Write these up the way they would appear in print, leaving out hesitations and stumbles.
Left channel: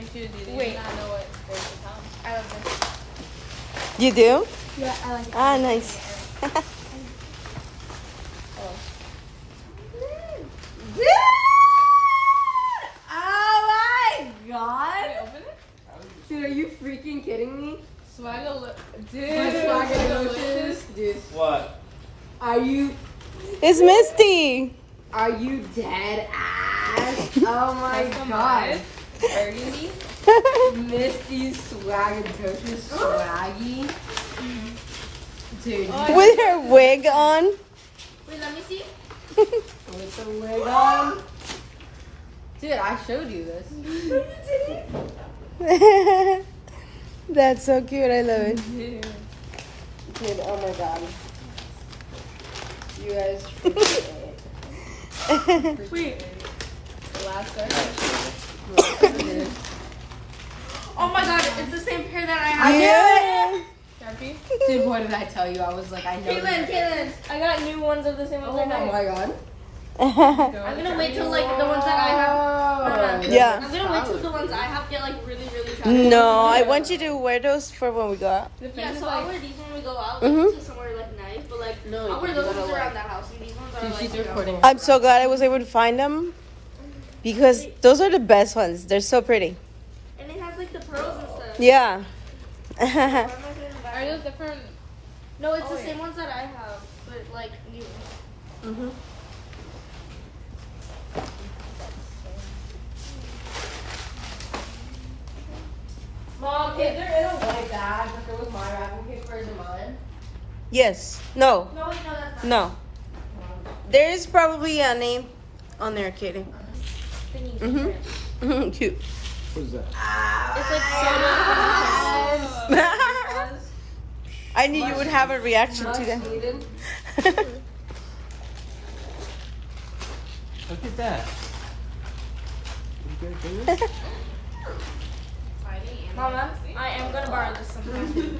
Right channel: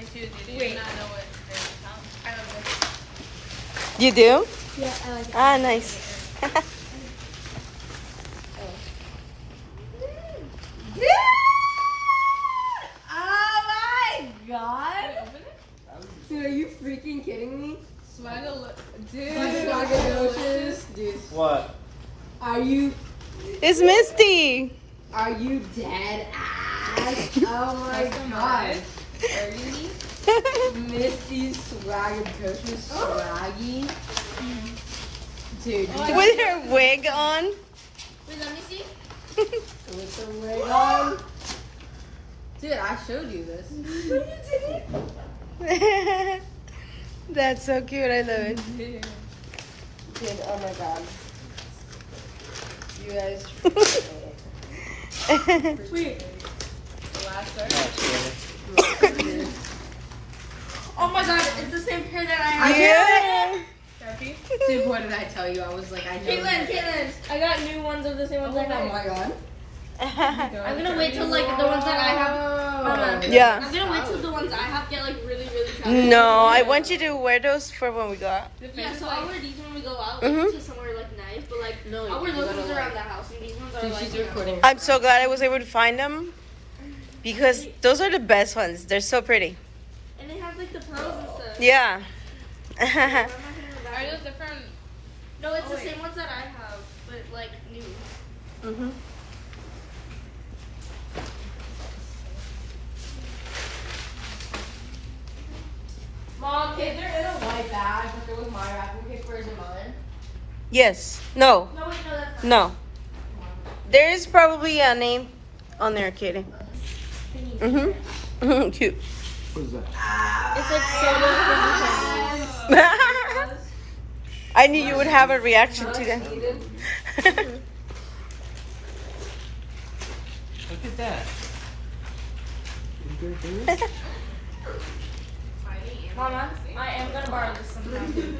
next year's you did not know what was the top. I don't know. You do? Yeah, I like it. Ah, nice. Oh my god! Wait, open it? Dude, are you freaking kidding me? Swagger, Dude. What? Are you It's Misty. dead ass? Oh my god. burgundy. Misty Swaggatocious Swaggy. Dude, With her wig on. Wait, let me see. with the wig on. Dude, I showed you this. That's so cute. I love it. Dude, oh my god. You guys Wait. The last start. Oh my god, it's the same pair that I have. Yeah. Sharpie. Dude, what did I tell you? I was like, I know. Caitlin, I got new ones of the same ones Oh I know. my god. I'm gonna wait till like the ones that I have. Yeah. I'm gonna wait till the ones I have get like really, really sharp. No, I want you to wear those for when we go out. Yeah, so I'll wear these when we go out Mhm. to somewhere like nice, but like No, I'll wear you those wanna, ones like- around the house, and these ones are Dude, like. she's recording. I'm so glad I was able to find them because those are the best ones. They're so pretty. And it has like the pearls and stuff. Yeah. Why am I putting the back? Are those different? No, it's Oh, the yeah. same ones that I have, but like new. Mhm. Mom, if they're in a white bag, but there was my wrapping paper, is it mine? Yes. No. No, wait, no, that's fine. No. There is probably a name on there, Katie. Thingy. Mhm. Cute. What is that? It's like so I knew you would have a reaction to that. Look at that. You good, baby? Mama, I am gonna borrow this sometime.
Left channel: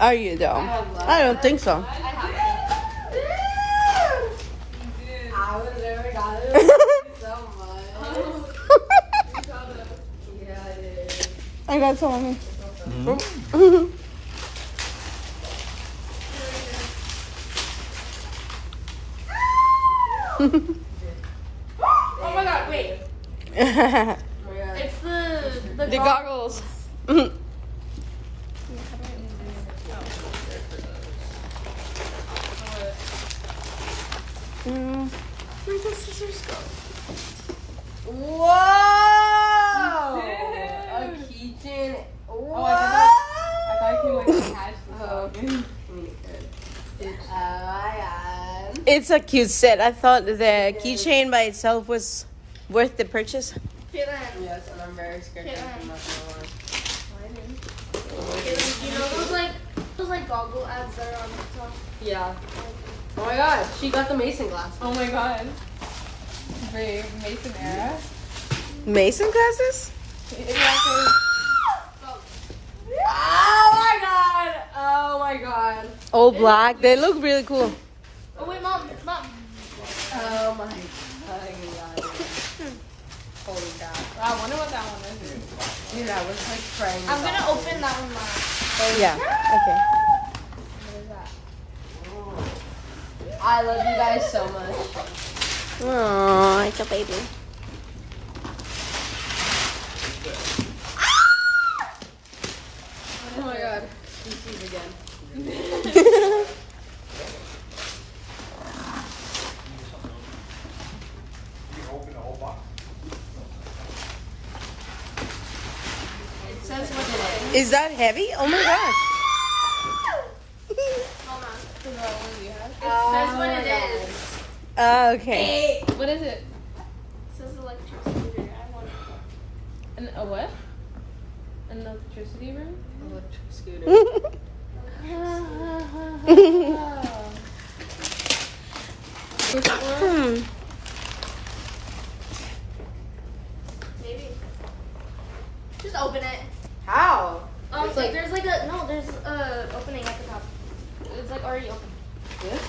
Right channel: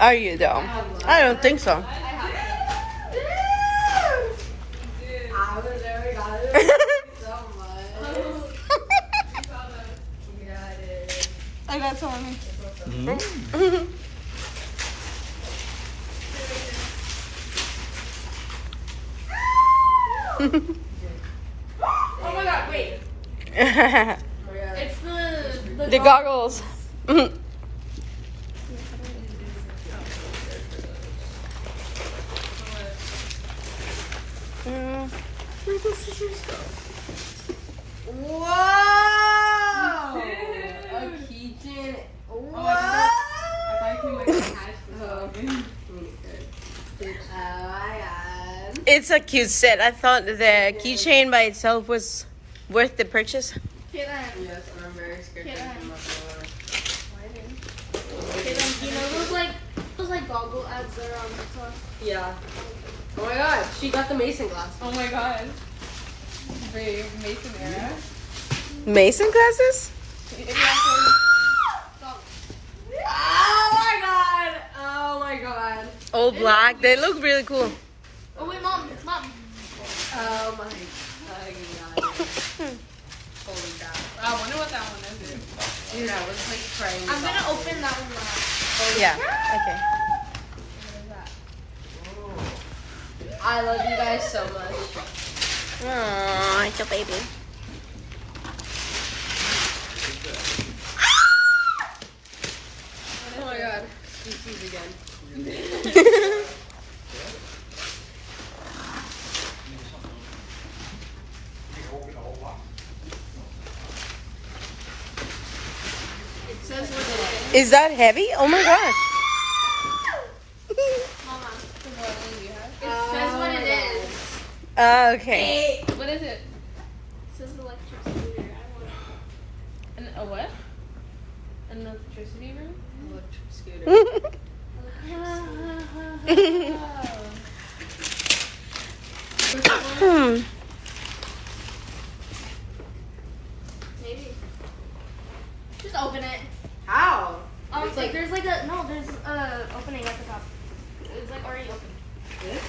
Are you though? I don't think so. I have I would never got it so much. Yeah, it is. I got some. Oh my god, wait. Oh my god. It's the The goggles. Where'd the scissors go? Whoa! A keychain. Whoa! Oh, I thought you were gonna catch Oh, my god. It's a cute set. I thought the keychain by itself was worth the purchase. Caitlin, Yes, and I'm very scared to Caitlin. open Caitlin, you know those like goggle ads that are on TikTok? my door. Yeah. Oh my god, she got the mason glass. Oh my god. Very Mason era. Mason glasses? Oh my god! Oh my god. All black. They look really cool. Oh wait, mom. Oh my god. Holy cow. I wonder what that one is. Dude, I was like trying. I'm gonna open that one now. Yeah. Okay. I love you guys so much. Oh, it's a baby. Oh my god. DC's again. It says what it is. Is that heavy? Oh my gosh. Mama. What one do you have? It says what it is. Okay. What is it? It says electricity. I want it. A what? An electricity room? Electric scooter. Maybe. Just open it. How? It's like there's like a there's a opening at the top. It's like already open. This?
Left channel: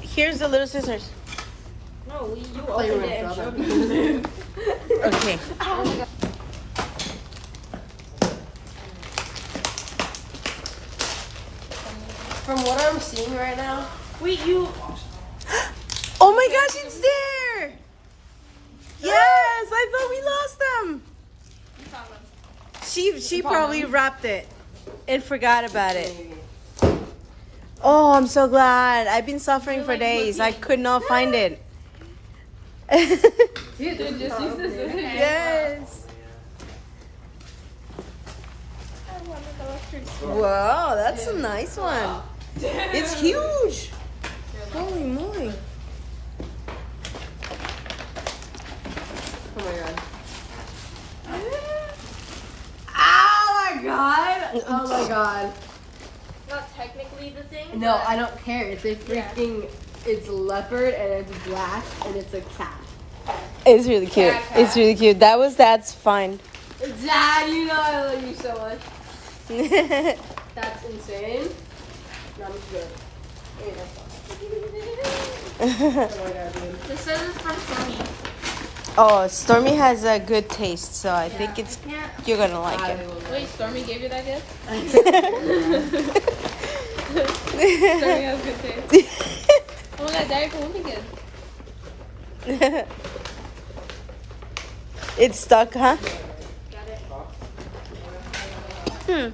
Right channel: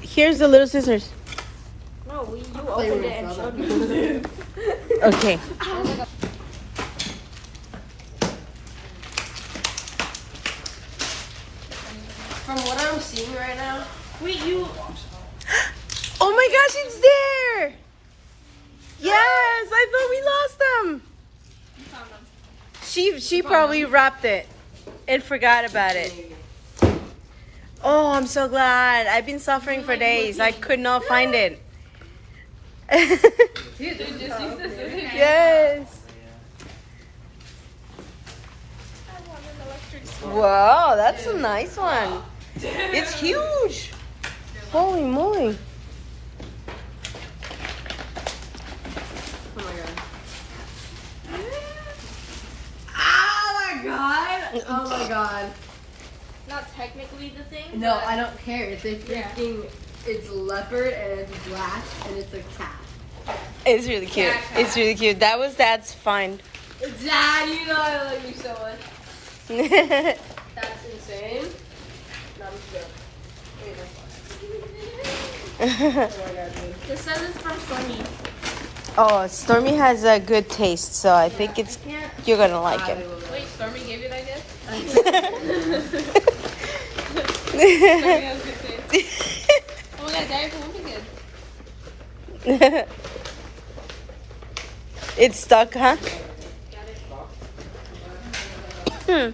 Here's the little scissors. No, you Play opened with it and my showed brother. me. Okay. From what I'm seeing right now, Wait, you. Oh my gosh, it's there! Yes, I thought we lost them. She probably wrapped it and forgot about it. Oh, I'm so glad. I've been suffering for days. I could not find it. Yes. Wow, that's a nice one. It's huge. Holy moly. oh my god! Oh my god! Not technically the thing. No, but- I don't care. It's a freaking. It's leopard and it's black and it's a cat. It's really cute. It's really cute. That was Dad's find. Dad, you know I love you so much. That's insane. No, I'm just joking. This says it's from Stormy. Oh, Stormy has a good taste, so I think it's you're gonna like it. Wait, Stormy gave you that gift? Stormy has good taste. Oh my god, Daddy, won't be good. It's stuck, huh? Hmm.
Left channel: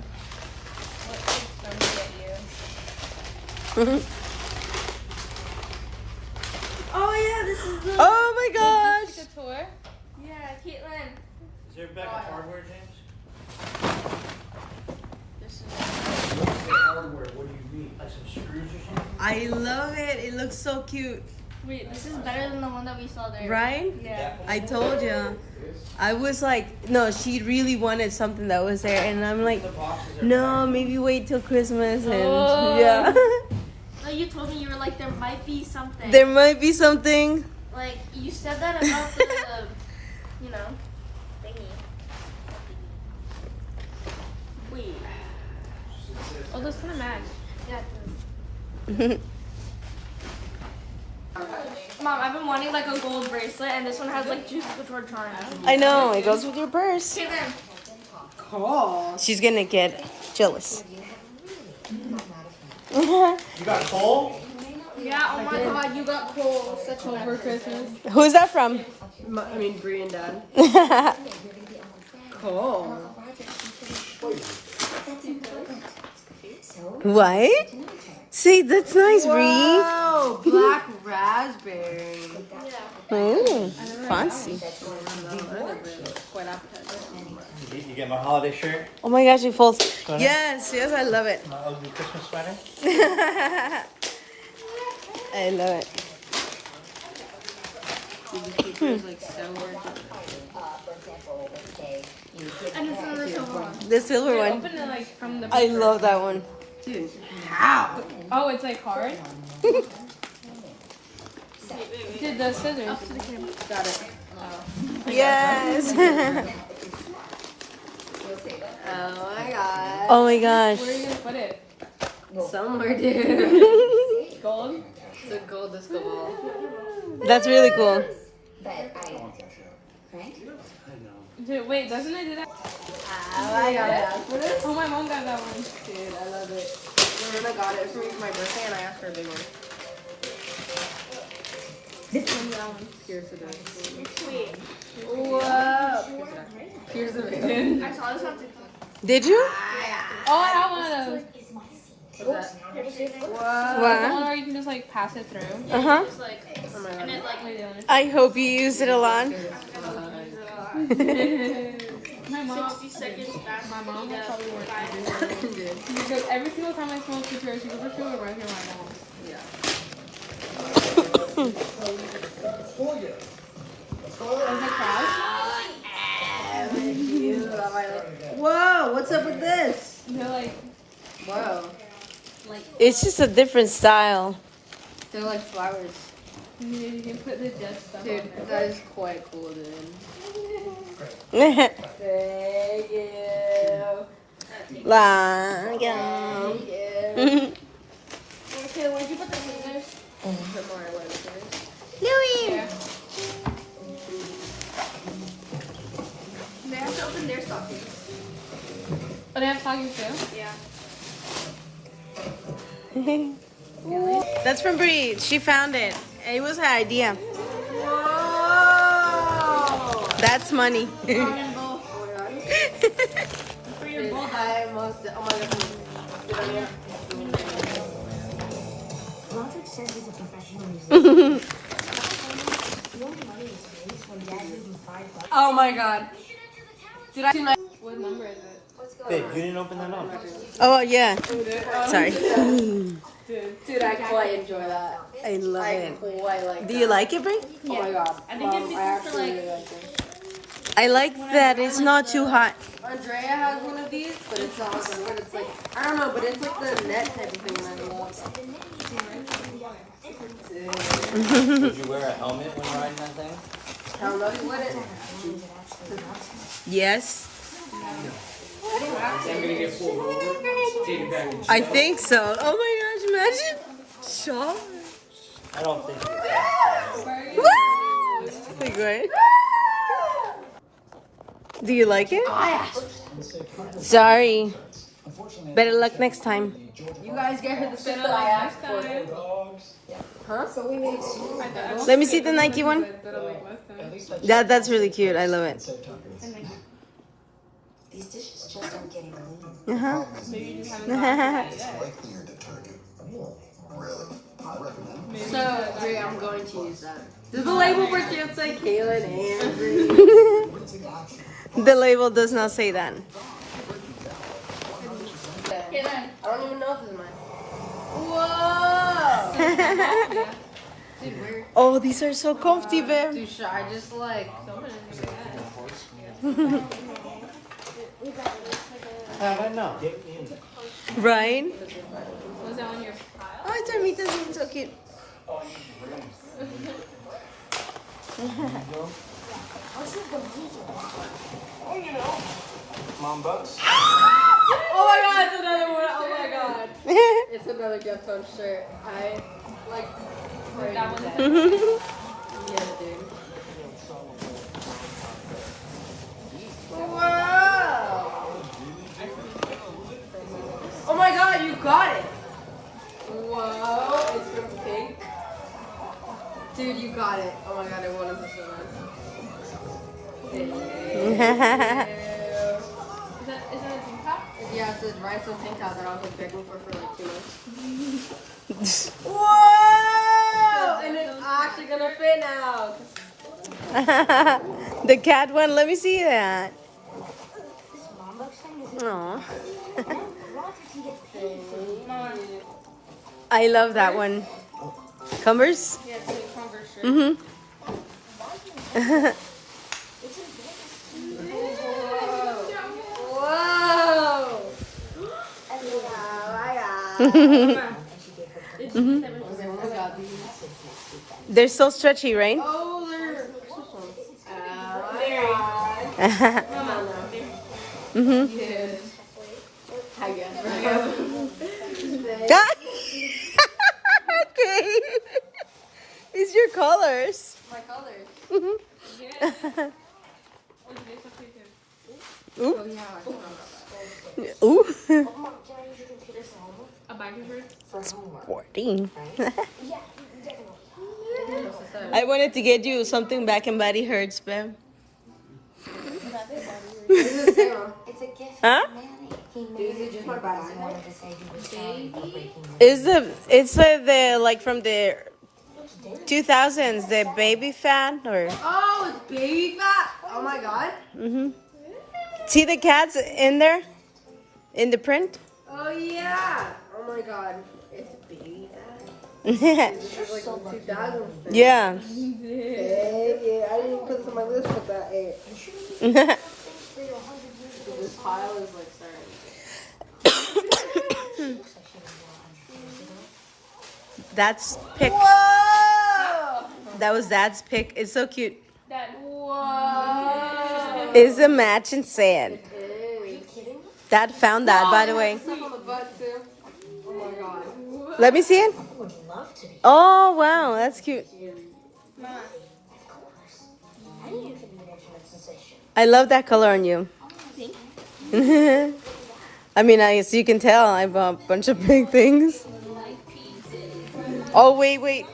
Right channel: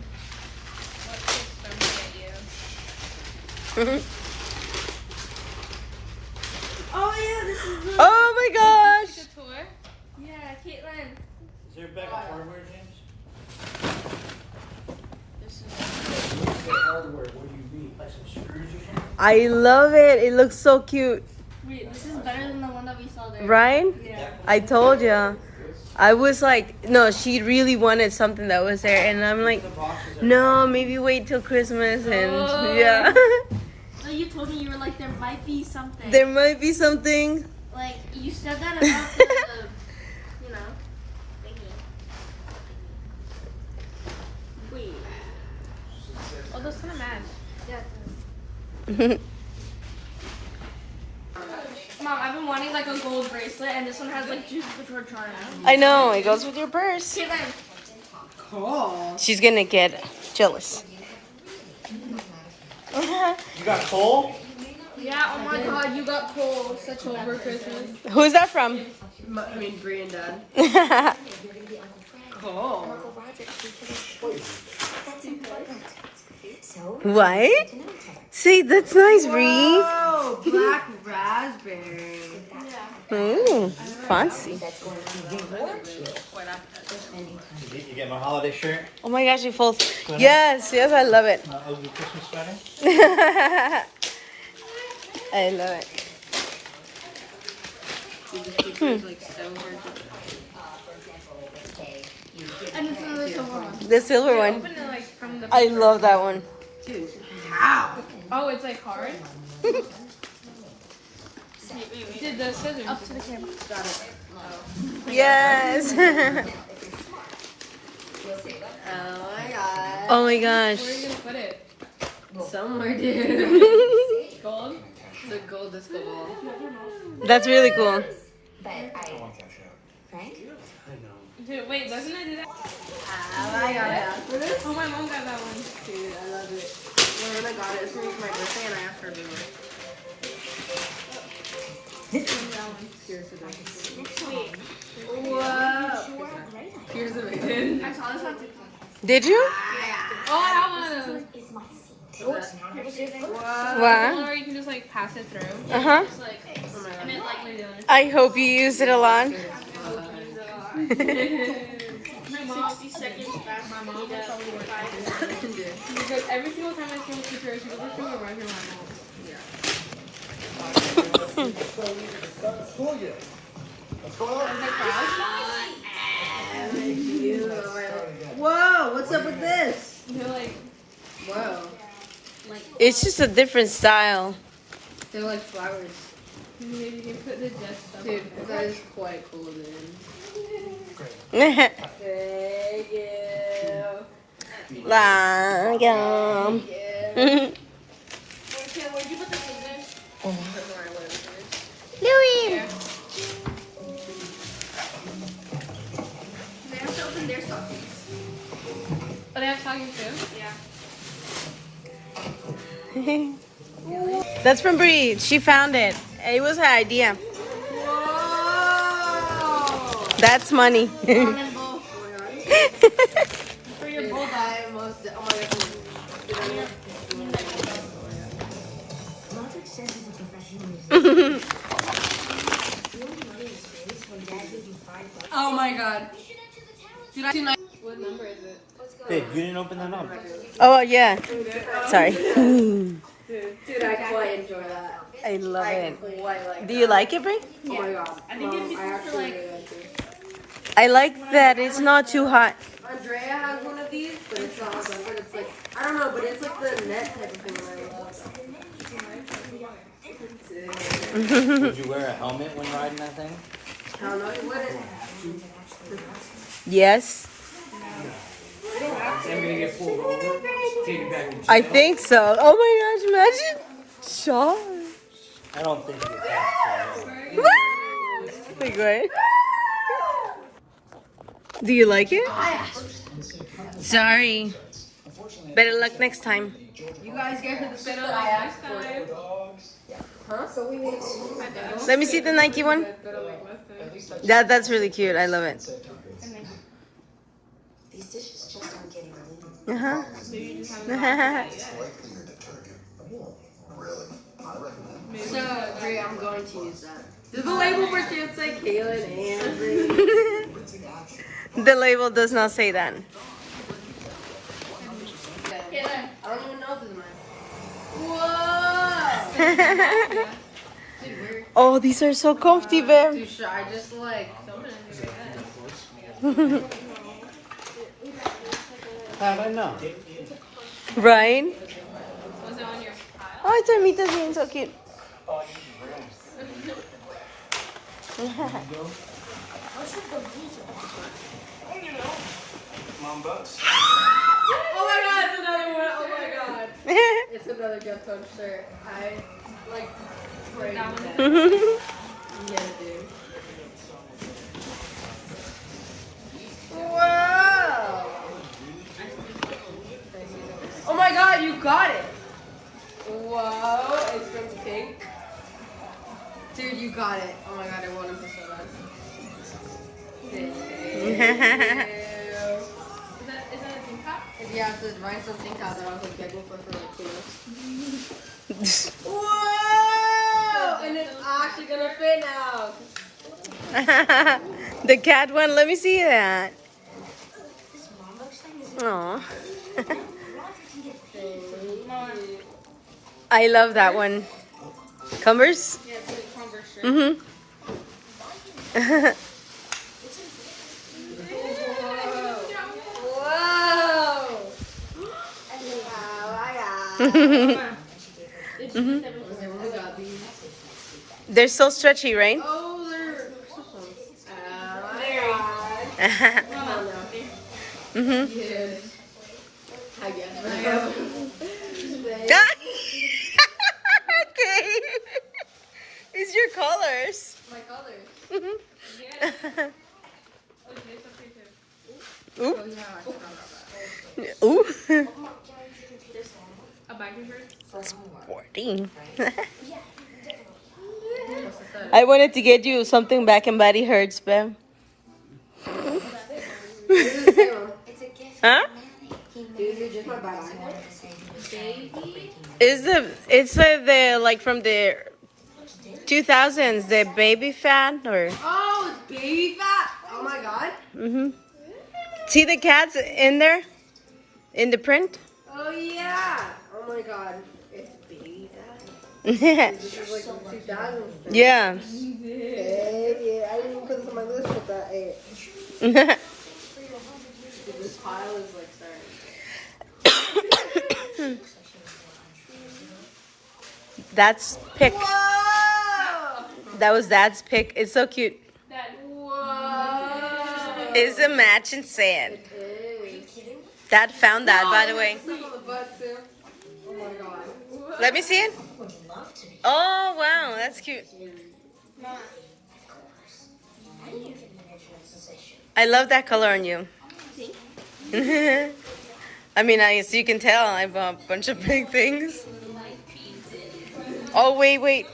Oh yeah, this is the. Oh my gosh! The tour? Yeah, Caitlin. Is there a bag of hardware, James? This is. Hardware, what do you need? Like some screws or something? I love it. It looks so cute, Wait, this is better than the one that we saw there. right? Yeah. I told ya. I was like, no, she really wanted something that was there, and I'm like, The boxes are no, maybe wait till Christmas, and Oh. yeah, No, you told me you were like there might be something. there might be something. Like you said that about the, you know, thingy. Wait. Oh, those kind of match. Yeah. Mom, I've been wanting like a gold bracelet, and this one has like Juice Couture on it. I know it goes with your purse. Caitlin. Cool. She's gonna get jealous. You got coal? Yeah. Oh my God. God, you got coal such over Christmas. Who's that from? I mean, Bree and Dad. Cool. What? See, that's nice, Bree. Oh, black raspberry. Oh, fancy. You get my holiday shirt? Oh my gosh, it folds. Yes, yes, I love it. My ugly Christmas sweater? I love it. And this is the silver one. The silver one. Open it like from the. I love that one. Oh, it's like hard? Did the scissors. Up to the camera. Yes. Oh my god. Oh my gosh. Where are you gonna put it? Somewhere, dude. Gold? The gold disco ball. That's really cool. Dude, wait, doesn't it do that? Oh my god. Oh, my mom got that one. Dude, I love it. I got it for my birthday and I asked her to do it. Here's the birthday. Whoa. Here's the birthday. I saw this on TikTok. Did you? Oh, I have one of those. Wow. One where you can just like pass it through. Uh huh. It's like, and it like. I hope you used it a lot. 60 seconds back. My mom will probably work because every single time I see one picture, she goes to the right here. Whoa, what's up with this? They're like, Whoa. It's just a different style. They're like flowers. you can put the jet stuff. Dude, that is quite cool, dude. Like, Thank you. yeah. Thank you. Okay, where'd you put the scissors? Louis. open their stockings. Oh, they have stockings too? Yeah. That's from Bree. She found it. It was her idea. Whoa! That's money. Ramen bowl. For your bowl guy. Oh my god. Oh my god. Did I see my... What number is it? Babe, you didn't open them up. Oh yeah. Sorry. Dude, I quite enjoy that. I love it. Quite like Do you like it, Bree? Oh my god. I think it'd be cool for like. I like that it's not too hot. Andrea has one of these, but it's not like one. It's like, I don't know, but it's like the net type of thing that I love. Would you wear a helmet when riding that thing? I don't know if you would. Yes. I'm gonna get pulled over. Take it back and I think so. Oh my gosh, imagine. Shaw. I don't think it's Like what? Do you like it? Sorry. Better luck next time. You guys get her the stuff that I asked for. Huh? Let me see the Nike one. That's really cute. I love it. Uh-huh. So, Andrea, I'm going to use that. Does the label for kids say Kaylin and The label does not say that. Kaylin, I don't even know if it's mine. Whoa! Oh, these are so comfy, babe. Dude, should I just like... How I know? Right? Was that on your pile? Oh, it's Armita's being so cute. Oh my god, it's another one! Oh my god. It's another gift on shirt. I like prayed that. Yeah, dude. Wow! Oh my god, you got it! Wow, it's from Pink. Dude, you got it. Oh my god, I want him so bad. Thank you. Is that a tank top? Yeah, it says rice and pink out that I was begging for like 2 minutes. Whoa! And it's actually gonna fit now. The cat one, let me see that. Aw. I love that one. Converse? Yeah, it's a Converse shirt. Mm-hmm. Whoa! Mhm. I got these. They're so stretchy, right? Oh, they're. Come on now. Mhm. Dude. I guess. Okay. It's your colors. My colors. Mhm. Yeah. Look, they look pretty good. Ooh. Ooh. A biker shirt? Sporting. I wanted to get you something back and body hurts, babe. Huh? It's the like from the 2000s, the baby fat or Oh, it's baby fat. Oh my god. mhm. See the cats in there, in the print. Oh yeah. Oh my god. It's baby fat. Yeah. This is like 2000. Yeah. Hey, yeah, I didn't even put this on my list, but that. Hey, this pile is like sad. That's pick. Whoa! That was Dad's pick. It's so cute. Whoa! It's a match in sand. Dad found that, by the way. Stuff on the butt too. Oh my god. Let me see it. Oh wow, that's cute. I love that color on you. I mean, as you can tell, I bought a bunch of big things. Oh, wait.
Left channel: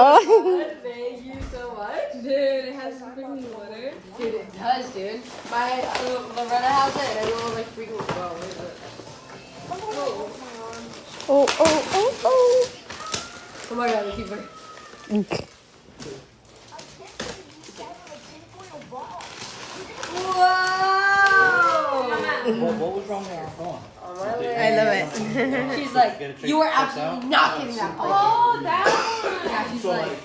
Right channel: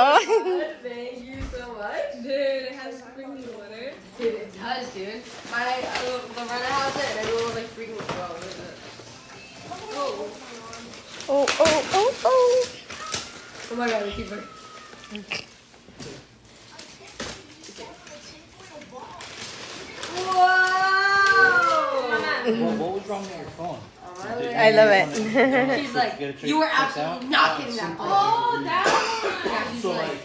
Oh. Thank you so much. Dude, it has freaking water. Dude, it does, dude. The runner has it, and everyone was like freaking well. Oh. Oh my god, keep it. Whoa! What was wrong with your phone? I love it. She's like, you were absolutely not getting that blanket. Oh, that one. Yeah, she's like,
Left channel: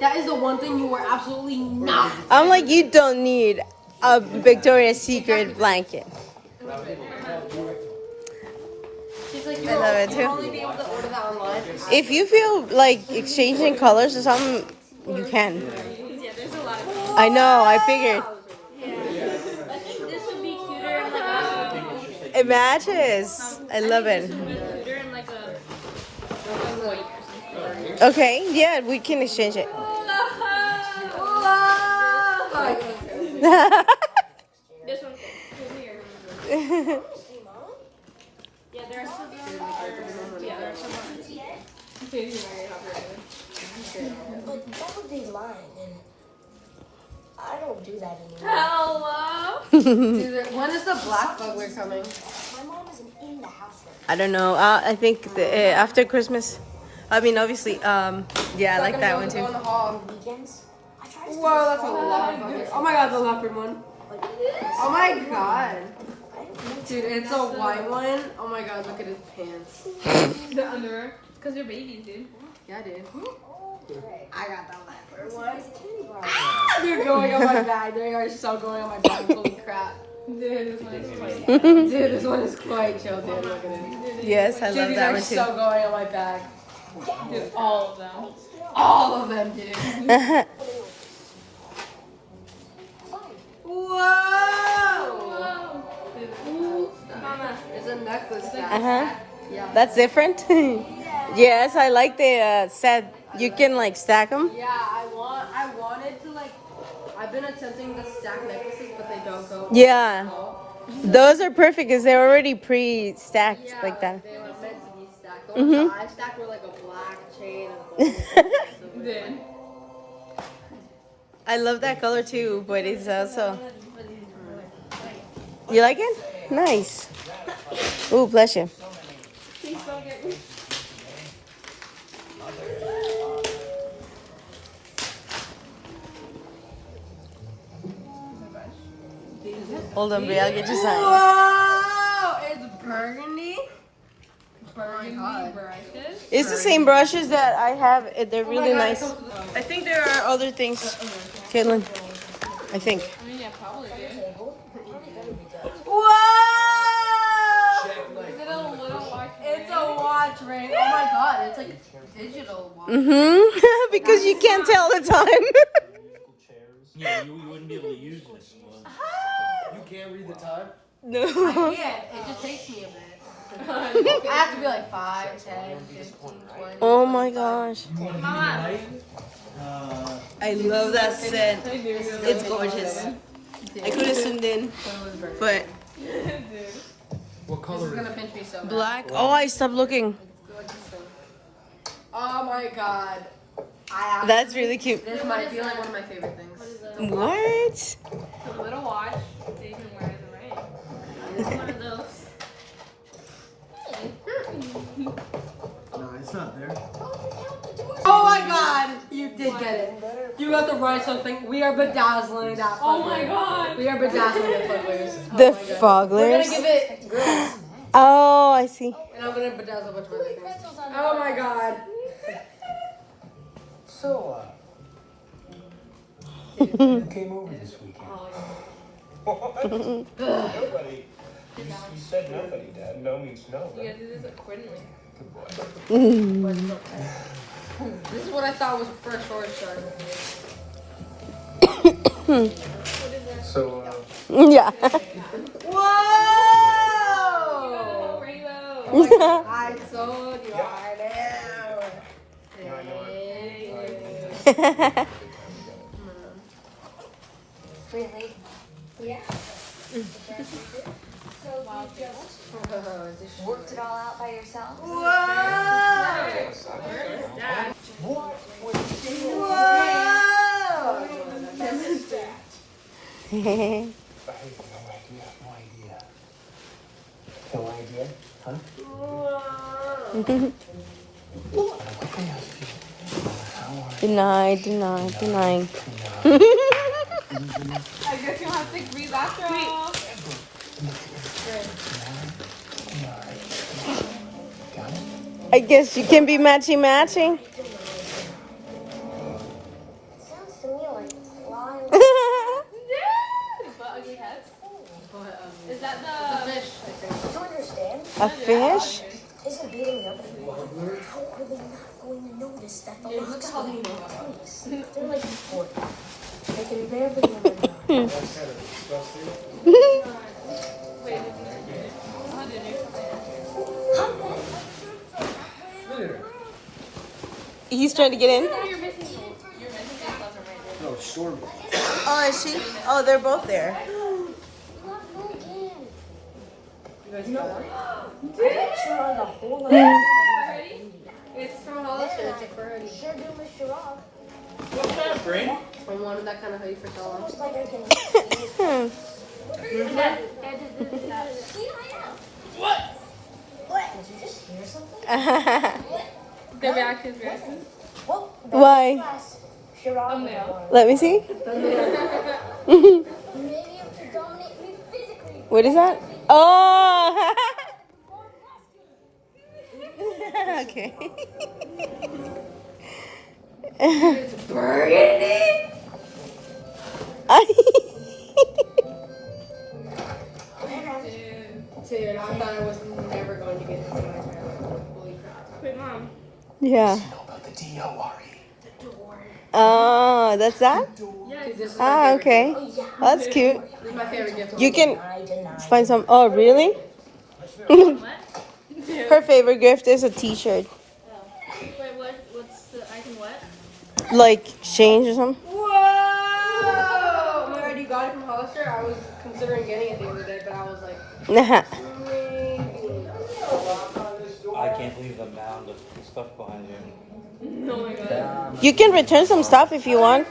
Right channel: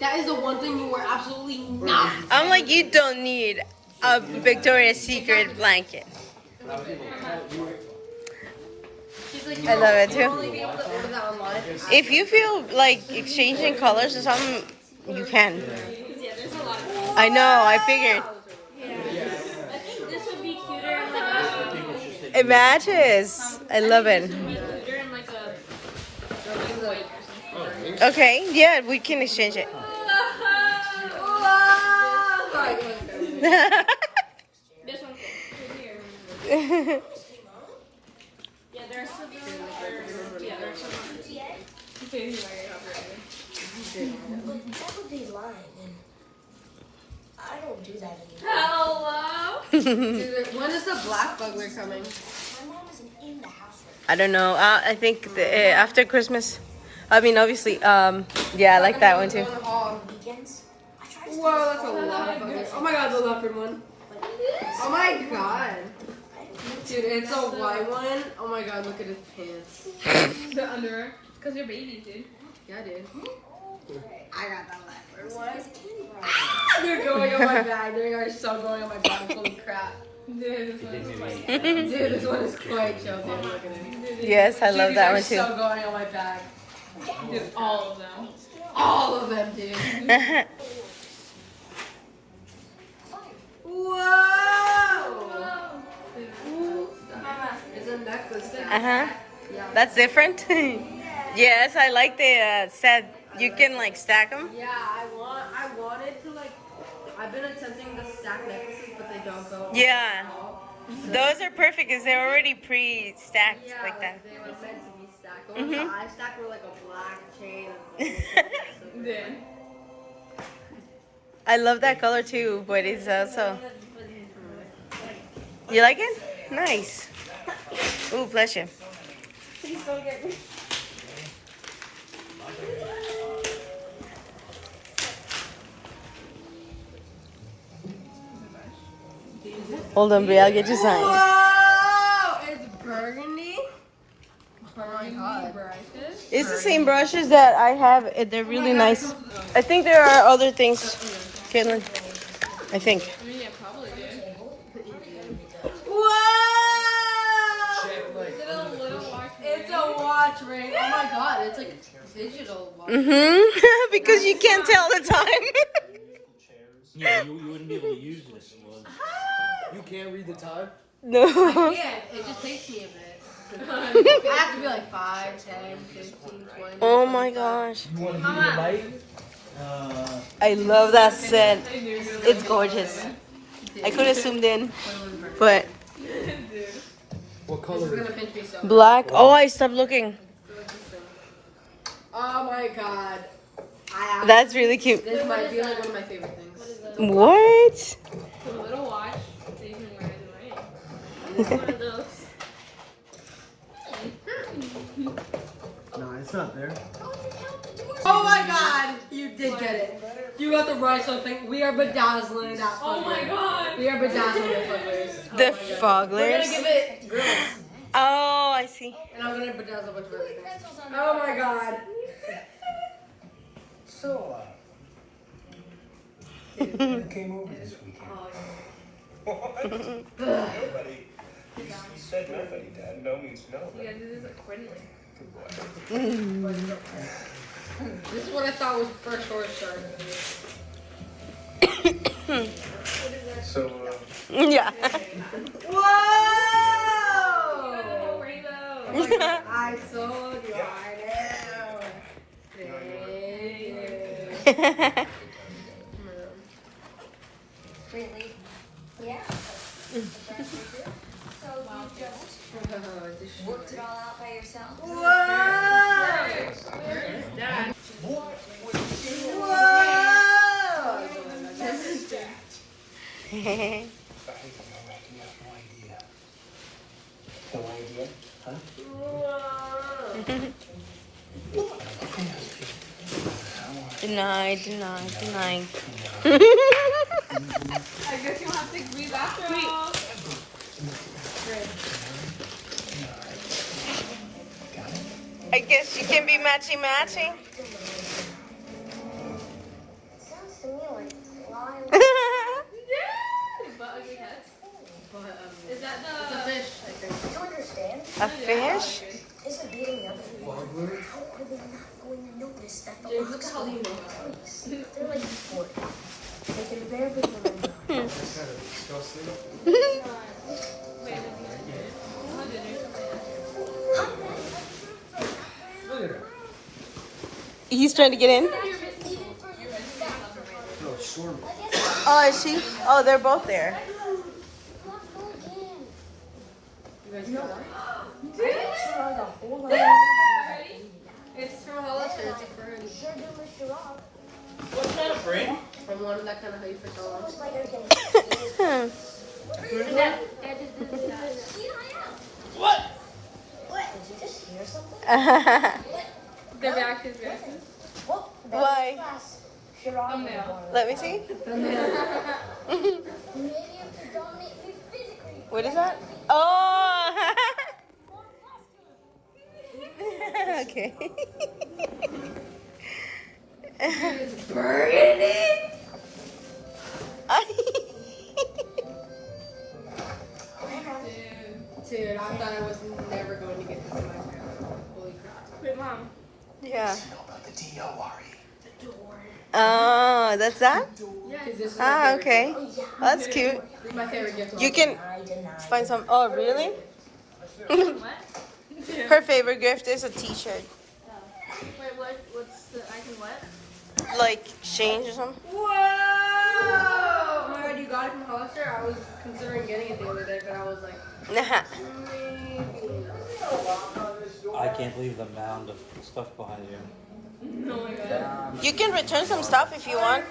that is the one thing you were absolutely not. I'm like, you don't need a Victoria's Secret blanket. I love it too. Only be able to order that online. If you feel like exchanging colors or something, you can. Yeah, there's a lot of things. I know, I figured. I think this would be cuter in like It matches. I love it. cuter in like a white or something. Okay, yeah, we can exchange it. This one's yeah, there's some yeah, there's some. Well, that would be mine, and I don't do that anymore. Hello. Dude, when is the black bugler coming? My mom isn't in the house. I don't know. I think after Christmas. I mean, obviously, yeah, I like that one too. Weekends, I try to stay Wow, that's a lot of buggers. Oh my god, the leopard one. Oh my god. Dude, it's a white one. Oh my god, look at his pants. The underwear. Because you're babies, dude. Yeah, dude. I got that leopard one. as a kid, bro. They're going on my back. They are so going on my back. Holy crap. Dude, this one is funny. Dude, this one is quite chill, dude. Look at it. Yes, I Dude, love these that are one too. so going on my back. Dude, all of them. All of them, dude. Whoa! Mama. It's a necklace. Uh-huh. Yeah. That's different. Yes, I like the set. You can like stack them. Yeah, I wanted to like. I've been attempting to stack necklaces, but they don't go. Yeah. Those are perfect because they're already pre-stacked Yeah, like that. they were meant to be stacked. The Mhm. ones I stacked were like a black chain of gold. Dude. I love that color too, but it's also. You like it? Nice. Ooh, bless you. Hold on, Brie, I'll get you something. Whoa! It's burgundy. Oh my god. Brushes. It's the same brushes that I have. They're really nice. I think there are other things, Caitlin. I think. I mean, yeah, probably, dude. Whoa! Is it a little watch? It's a watch ring. Oh my god, it's like digital watch. Mm-hmm. Because you can't tell the time. Yeah, you wouldn't be able to use this one. You can't read the time? No. Yeah, it just takes me a bit. I have to be like 5, 10, 15, 20. Oh my gosh. You want to give me the light? I love that set. It's gorgeous. I could have zoomed in, but What color is It's it? gonna pinch me so. black. Oh, I stopped looking. Oh my god. That's really cute. This might be like one of my favorite things. What? It's a little watch that you can wear as a ring. One of those. No, it's not there. Oh my god! You did get it. You have to write something. We are bedazzling that Oh fucker. my god. We are bedazzling the fuckers. The We're gonna Fogglers. give it girls. Oh, I see. And I'm gonna bedazzle a bunch of other things. Oh my god. So, who came over this weekend? You said nobody, Dad. No means no. You gotta do this accordingly. This is what I thought was the first short start. So, Yeah. Whoa! Rainbow. I told you I know. Really? Yeah. So you just worked it all out by yourself? Whoa! No idea. Huh? Deny, deny, deny. I guess you'll have to breathe after all. I guess you can be matching matching. Sounds to me like flying. But ugly heads. Is that the fish? Do you understand? A fish? Isn't beating them. How are they not going to notice that the locks are they're like they're barely That's kind of disgusting. Look at her. He's trying to get in? No, Stormy. Oh, is she? Oh, they're both there. It's from Hollister. It's a fur. From one that kind of how you for so long. What? Did you just hear something? The reactions. Why? Thumbnail. Let me see. What is that? Oh! Okay. Dude, I thought I was never going to get this in my hair. Holy crap. Wait, Mom. Yeah. The D-O-R-E. Oh, that's that? This is Ah, okay. That's cute. This is my favorite gift. You can find some. Oh, really? Her favorite gift is a T-shirt, Wait, what's the icon? What? like change or something. Whoa! Oh my god, you got it from Hollister? I was considering getting it the other day, but I was like, maybe not. I can't believe the mound of stuff behind you. Oh my god. You can return some stuff if you want.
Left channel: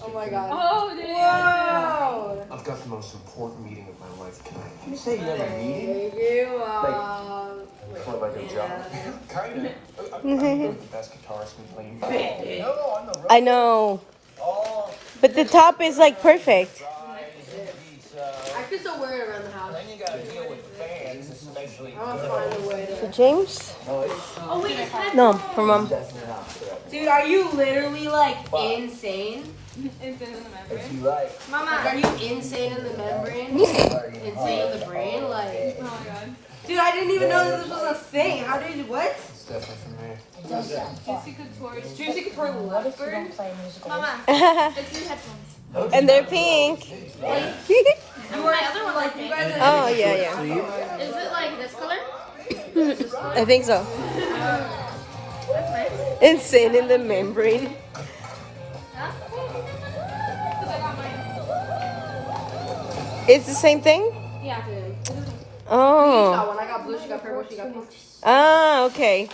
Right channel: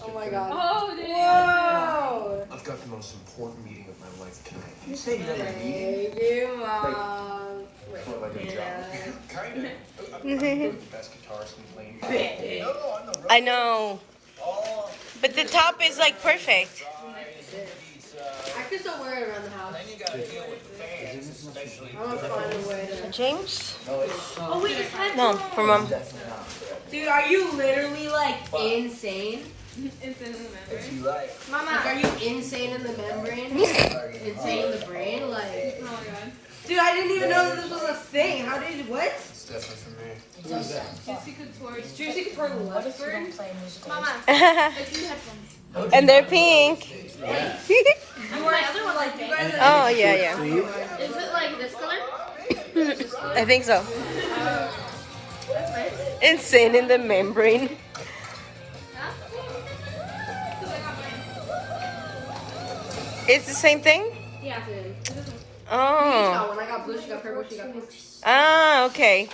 Oh my god. Oh, damn. Whoa! I've got the most important meeting of my life tonight. You say you have a meeting? Thank you, It's one of my good job. Kind of. I'm the best guitarist we play. No, I'm the I know, but the top is like perfect. I could still wear it around the house. I want to find a way to... For James? Oh wait, it's head. No, for Mom. Dude, are you literally like insane? It's in the memory. If you like. Like, are you insane in the membrane? Insane in the brain? Like, Oh my god. dude, I didn't even know that this was a thing. How did you, what? It's definitely for me. Juicy Couture. Juicy Couture Leopard? Mama, it's new headphones. And they're pink. I mean, my other one's like pink. Oh, yeah, yeah. Is it like this color? I think so. That's nice. Insane in the membrane. Huh? It's the same thing? Yeah. Oh. When I got blue, she got purple, she got pink. Ah, okay.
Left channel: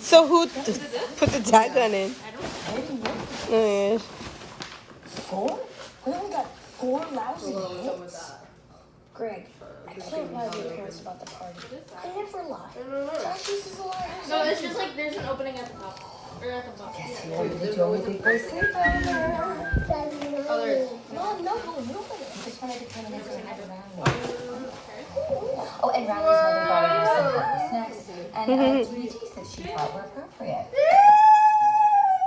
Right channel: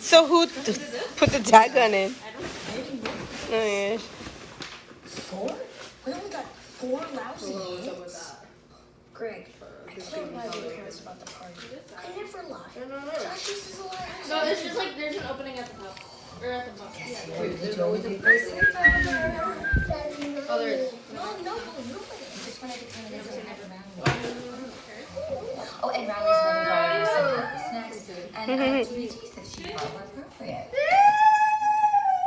So who put the tag on it? Oh, yeah. 4? We only got 4 lousy hits. Greg, I can't lie to your parents about the party. I never lie. She's a liar. No, it's just like there's an opening at the top. Or at the bottom. Yeah. There's always people sleeping. Oh, there is. No, nobody. Just wanted to come in and say hi to Riley. Oh, and Riley's mother brought you some snacks. And activities that she thought were appropriate.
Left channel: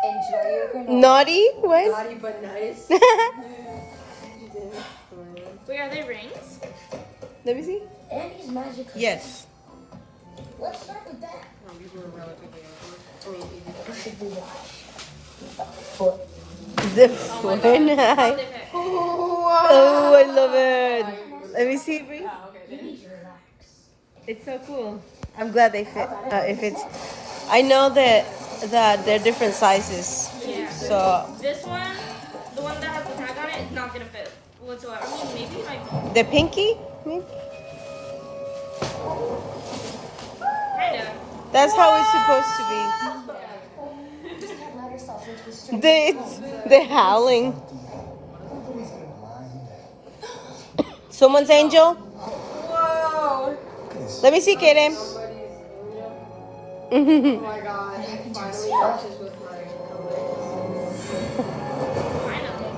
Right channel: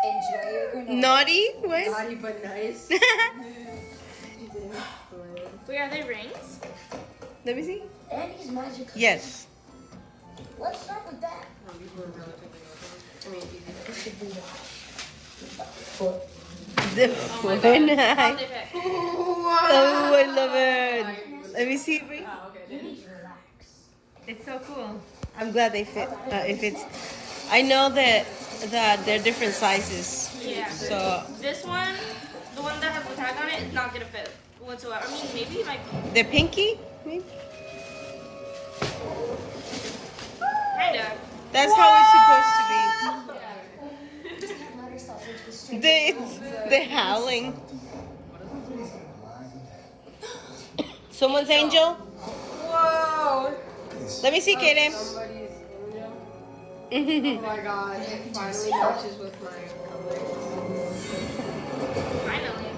Enjoy your granola. Naughty? What? Naughty but nice. Wait, are they rings? Let me see. Andy's magic. Yes. Let's start with that. The foot. How they pick? Oh, I love it. Let me see, Brie. You need to relax. It's so cool. I'm glad they fit. If it's, I know that they're different sizes. Yeah. So This one, the one that has the tag on it, is not gonna fit whatsoever. I mean, maybe it might be. the pinky, maybe. Kinda. That's how it's supposed to be. The howling. Someone's angel. Whoa! Let me see, Kaden. Somebody's angel. Oh my god, it finally matches with my color. Finally.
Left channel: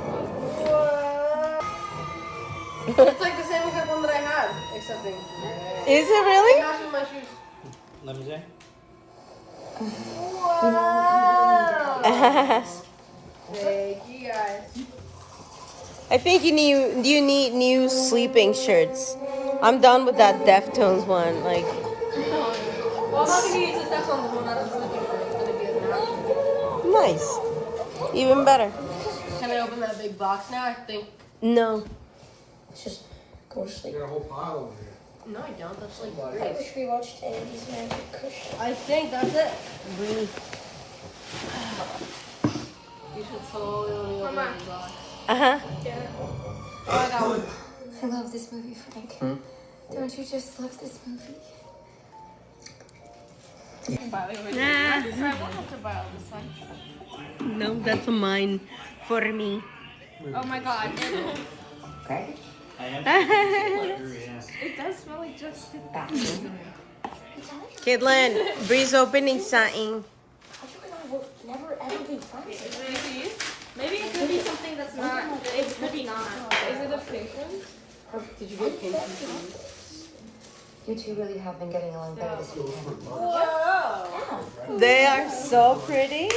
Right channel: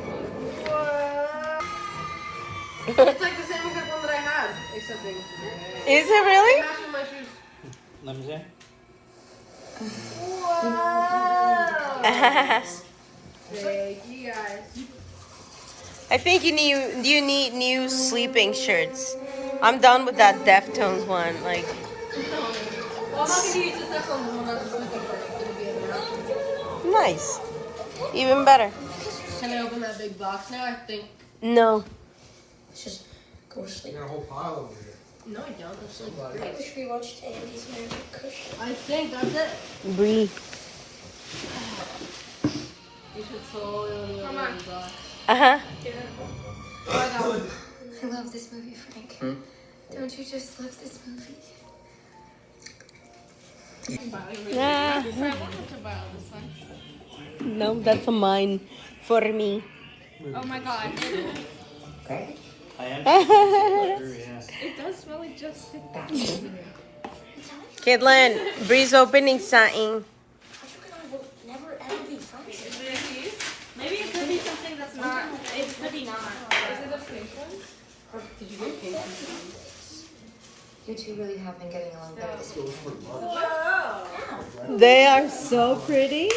It's like the same exact one that I had, except in red. Is it really? Match with my shoes. Let me see. Thank you guys. I think you need new sleeping shirts. I'm done with that Deftones one. Like, Well, I'm not gonna use the Teflon one on the sleeping for. It's gonna be a nap. nice. Even better. Can I open that big box now? I think. No. Just go to sleep. You got a whole pile over here. No, I don't. That's like I wish we watched Tammy's Magic Cushion. I think that's it. Brie. You should slowly open the box. Uh-huh. Oh, I got one. I love this movie, Frank. Don't you just love this movie? No, that's a mine for me. Oh my god. I am pleasure, yeah. It does smell like just Kidlin, Bree's opening something. Never ever be fun. Maybe it could be something that's not. It could be not. Is it a patient? Or did you get patient? You two really have been getting along better this weekend. They are so pretty.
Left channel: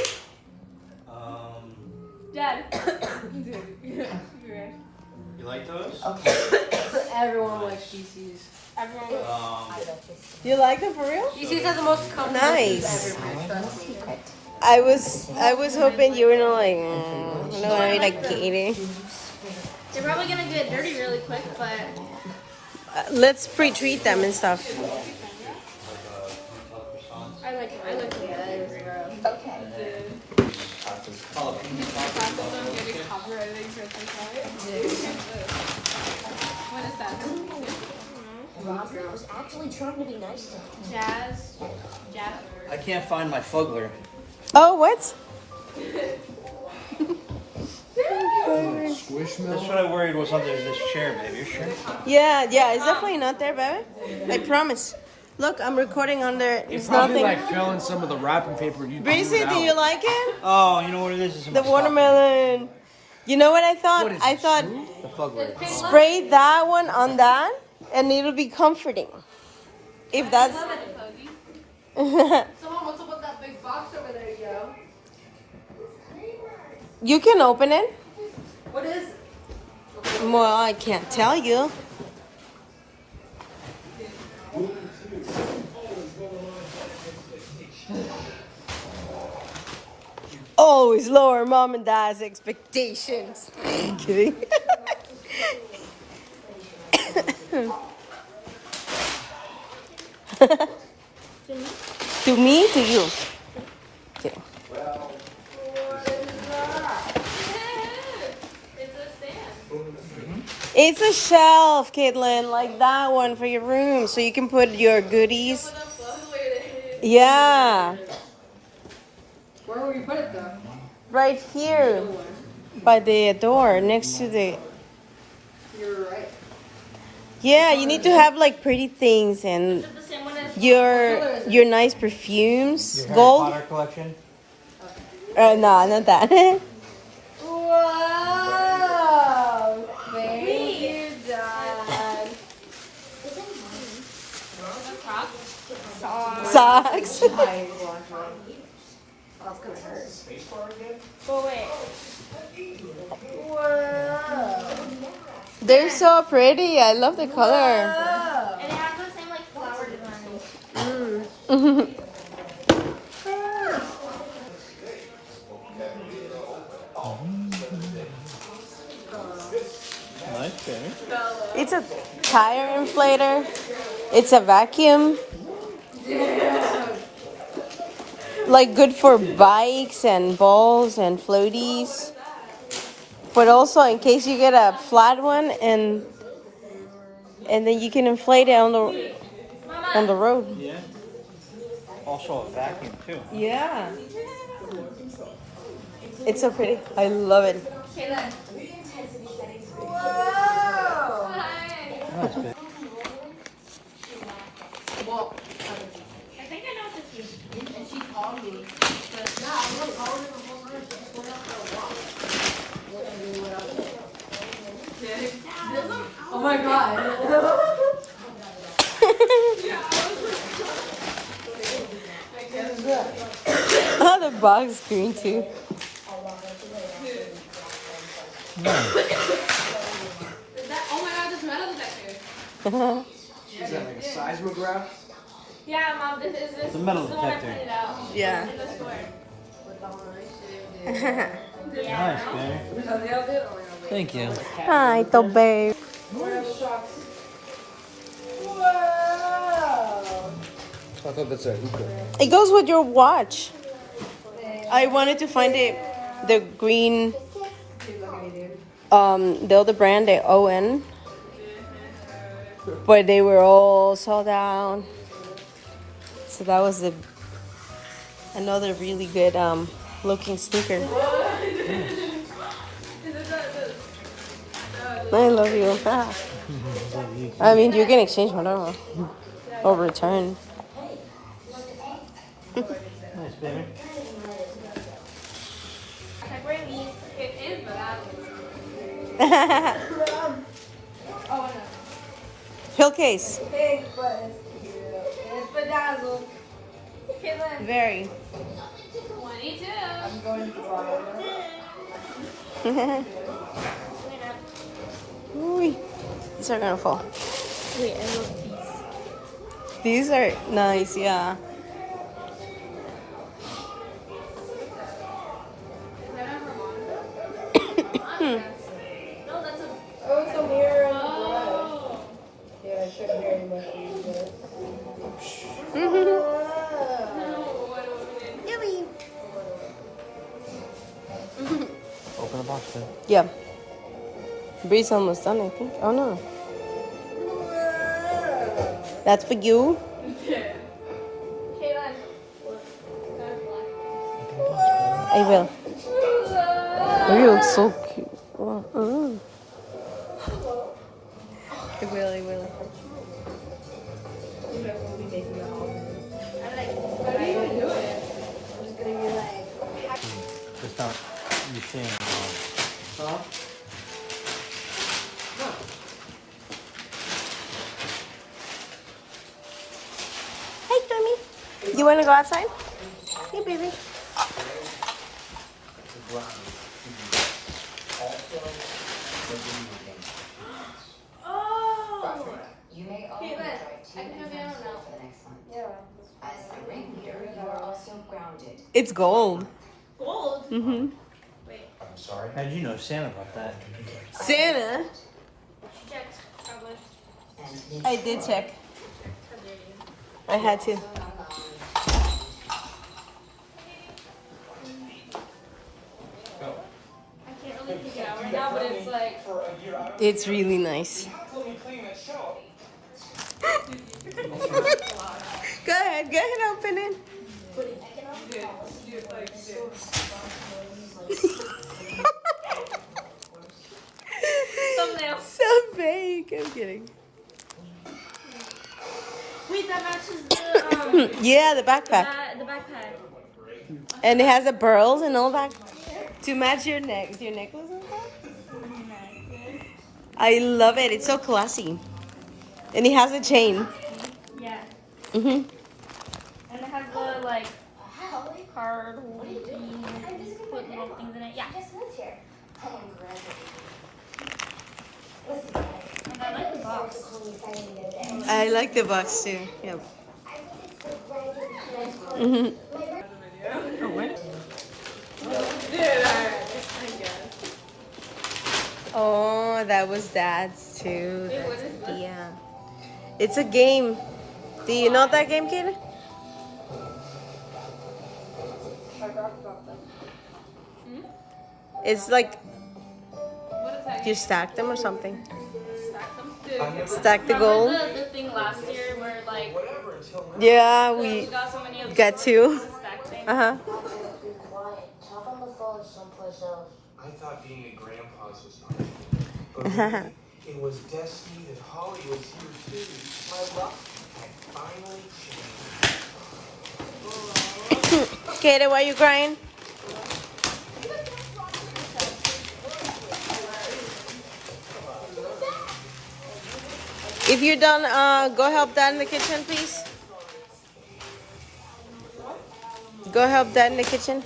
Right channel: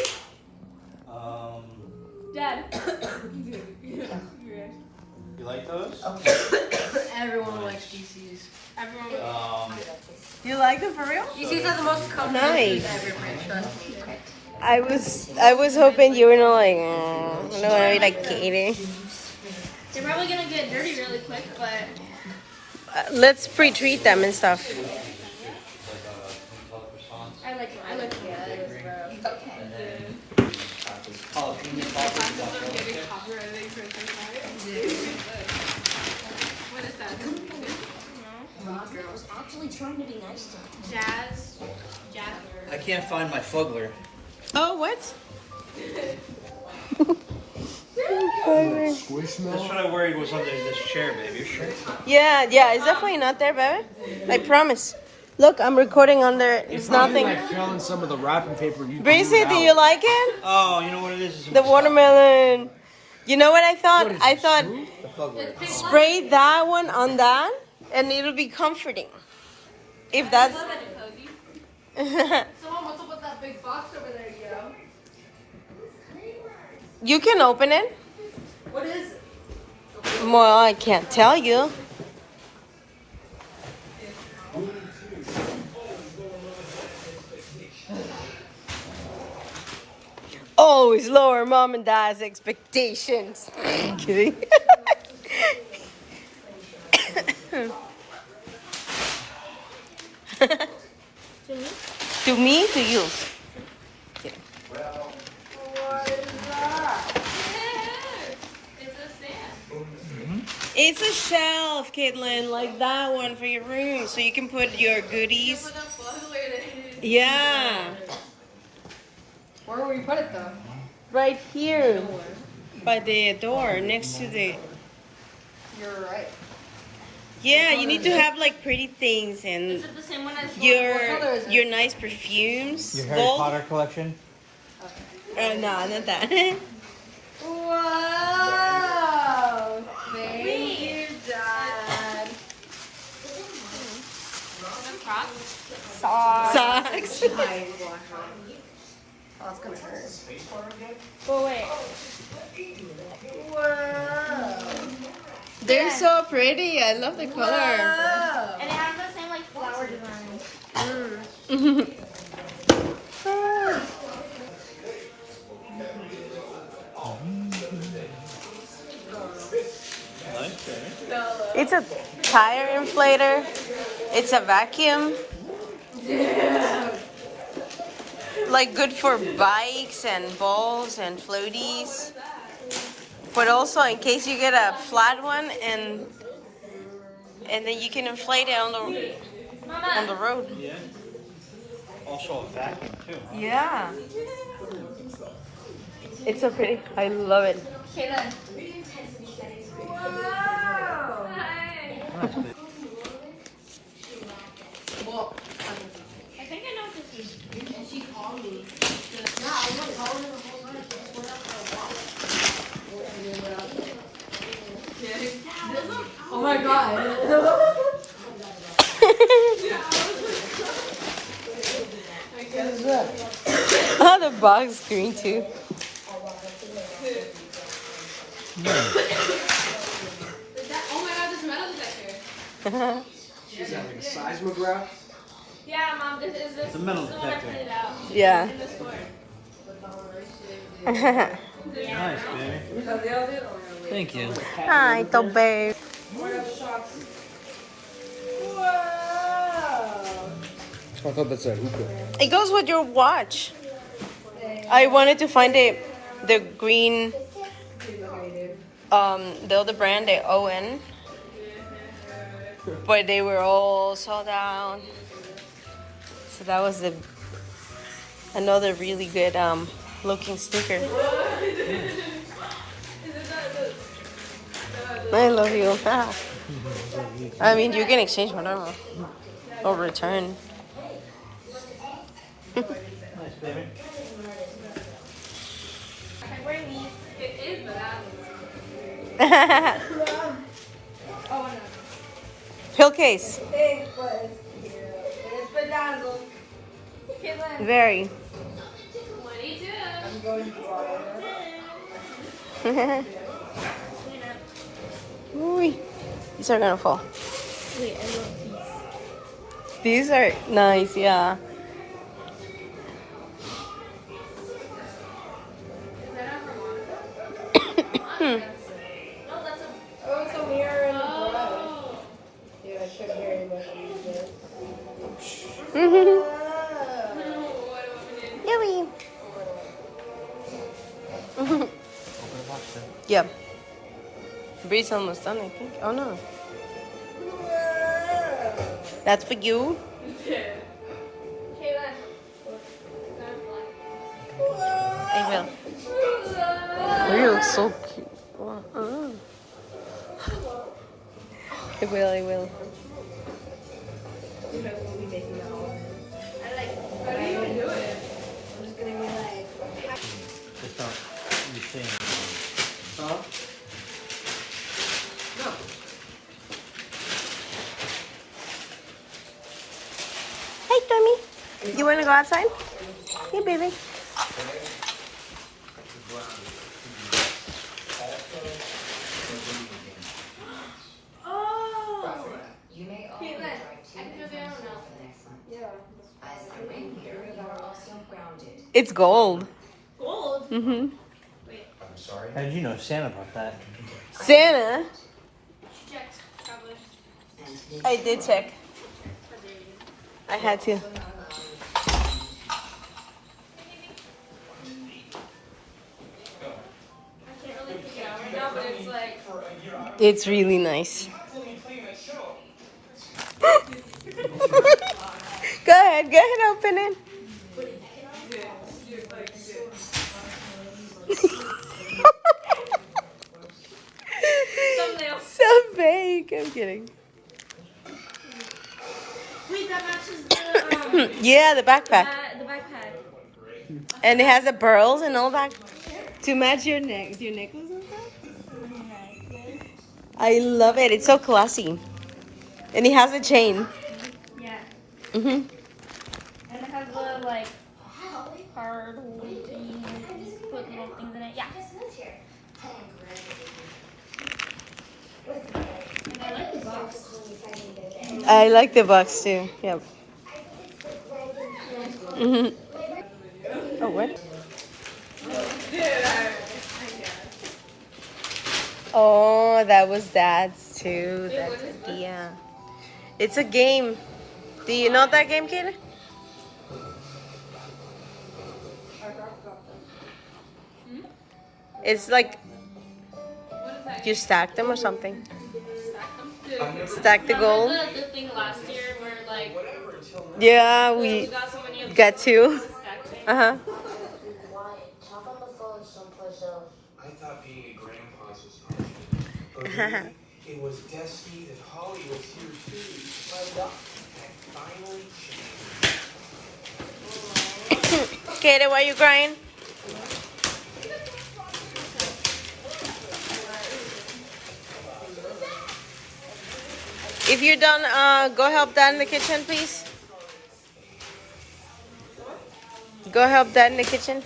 Dad. You like those? Everyone likes DCs. You like them for real? DCs are the most comfortable. Nice. Trust me. I was hoping you were not like, I don't want to be like Katie. They're probably gonna get dirty really quick, but Let's pre-treat them and stuff. I like the guys, bro. I was actually trying to be nice to him. Jazz. I can't find my Fugler. Oh, what? Squishmallow? That's what I worried was under this chair, baby. You're sure? Yeah, it's definitely not there, baby. I promise. Look, I'm recording under. It's Probably nothing. like fell in some of the wrapping paper and you Breezy, threw it do out. you like it? Oh, you know what it is? The watermelon. You know what I thought? What is I it, thought soup? The Fugler. spray that one on that, and it'll be comforting. If that's. Someone, what's up with that big box over there, yo? You can open it. What is it? Well, I can't tell you. Always lower mom and dad's expectations. Kidding. To me? To you? Okay. It's a shelf, Caitlin, like that one for your room, so you can put your goodies. Yeah, Where will you put it though? right here by the door next to the. You're right. Yeah, you need to have like pretty things and The same one as your nice perfumes. Your Harry Gold? Potter collection? No, not that. Wow! Thank you, Dad. Socks. Oh, it's gonna hurt. Go away. Wow. They're so pretty. I love the color. And it has the same like flower design. Nice, baby. It's a tire inflator. It's a vacuum. Like good for bikes and balls and floaties. But also in case you get a flat one and then you can inflate it on the road. Yeah. Also a vacuum too. Yeah. It's so pretty. I love it. Kayla. Wow. Nice, babe. Well, I think I know what this is. and she called me. Yeah, I know. I was in the whole house. Oh my god. Oh, the box is green too. Is that, oh my god, this metal detector. Is that like a seismograph? Yeah, Mom, this is It's a metal this is the one I detector. printed out. Yeah. In the store. Nice, baby. Thank you. Hi, Tobe. I thought that's a hookah. It goes with your watch. I wanted to find the green, the other brand, the ON, but they were all sold out. So that was another really good looking sneaker. I love you. I mean, you can exchange whatever or return. Nice, baby. I'm wearing these. It is, but I Oh, no. Pill case. It's bedazzled. Kayla. Very. 22. Ooh, these are gonna fall. Wait, I want these. These are nice, yeah. No, that's a. Oh, it's a mirror and a brush. Yeah, I should very much use it. Yummy. Open the box then. Yeah. Bree's almost done, I think. Oh no. That's for you. Kayla. I will. You look so cute. Oh. I will, I will. Just not you seeing. Huh? Hey, Tommy. You want to go outside? Yeah, baby. Kayla. I can have the other one now. It's gold. Gold? Mm-hmm. Wait. How did you know Santa about that? Santa. She checked. Published. I did check. I had to. I can't really pick it out right now, but it's like. It's really nice. Go ahead, open it. Thumbnail. So big. I'm kidding. Wait, that matches the Yeah, the backpack. the backpack. And it has the pearls and all that to match your neck. Your necklace and that? I love it. It's so classy. And it has a chain. Yeah. Mm-hmm. And it has the like card holding thing. Put little things in it. Yeah. And I like the box. I like the box too. Yep. Mm-hmm. Oh, what? Oh, that was Dad's too. That's, yeah. It's a game. Do you know that game, Kayla? It's like you stack them or something. Stack the gold. Remember the thing last year where like Yeah, we we got so many of got those two. stack things? Uh huh. I thought being a grandpa's was hard. But really, it was destiny that Holly was here too. Our luck had finally changed. Kayla, why are you crying? If you're done, go help Dad in the kitchen, please. Go help Dad in the kitchen.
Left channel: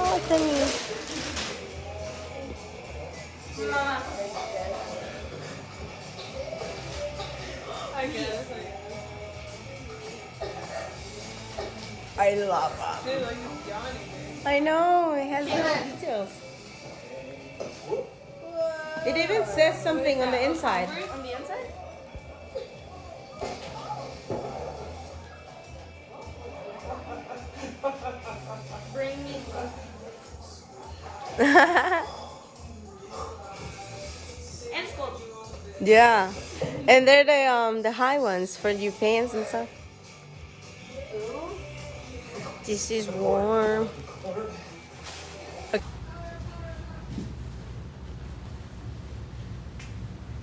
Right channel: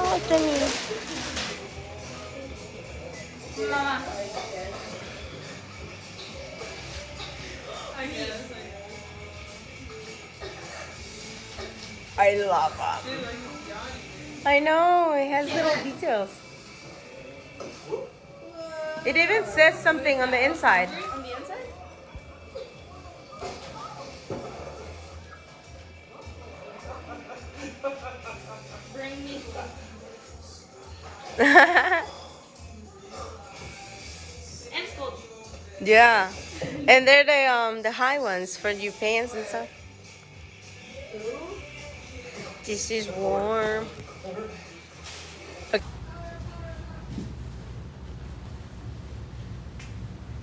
Oh, Timmy. Mama. I love them. I know, it has little details. It even says something on the inside. On the inside? Bring me and it's gold. Yeah. And they're the high ones for your pants and stuff. This is warm.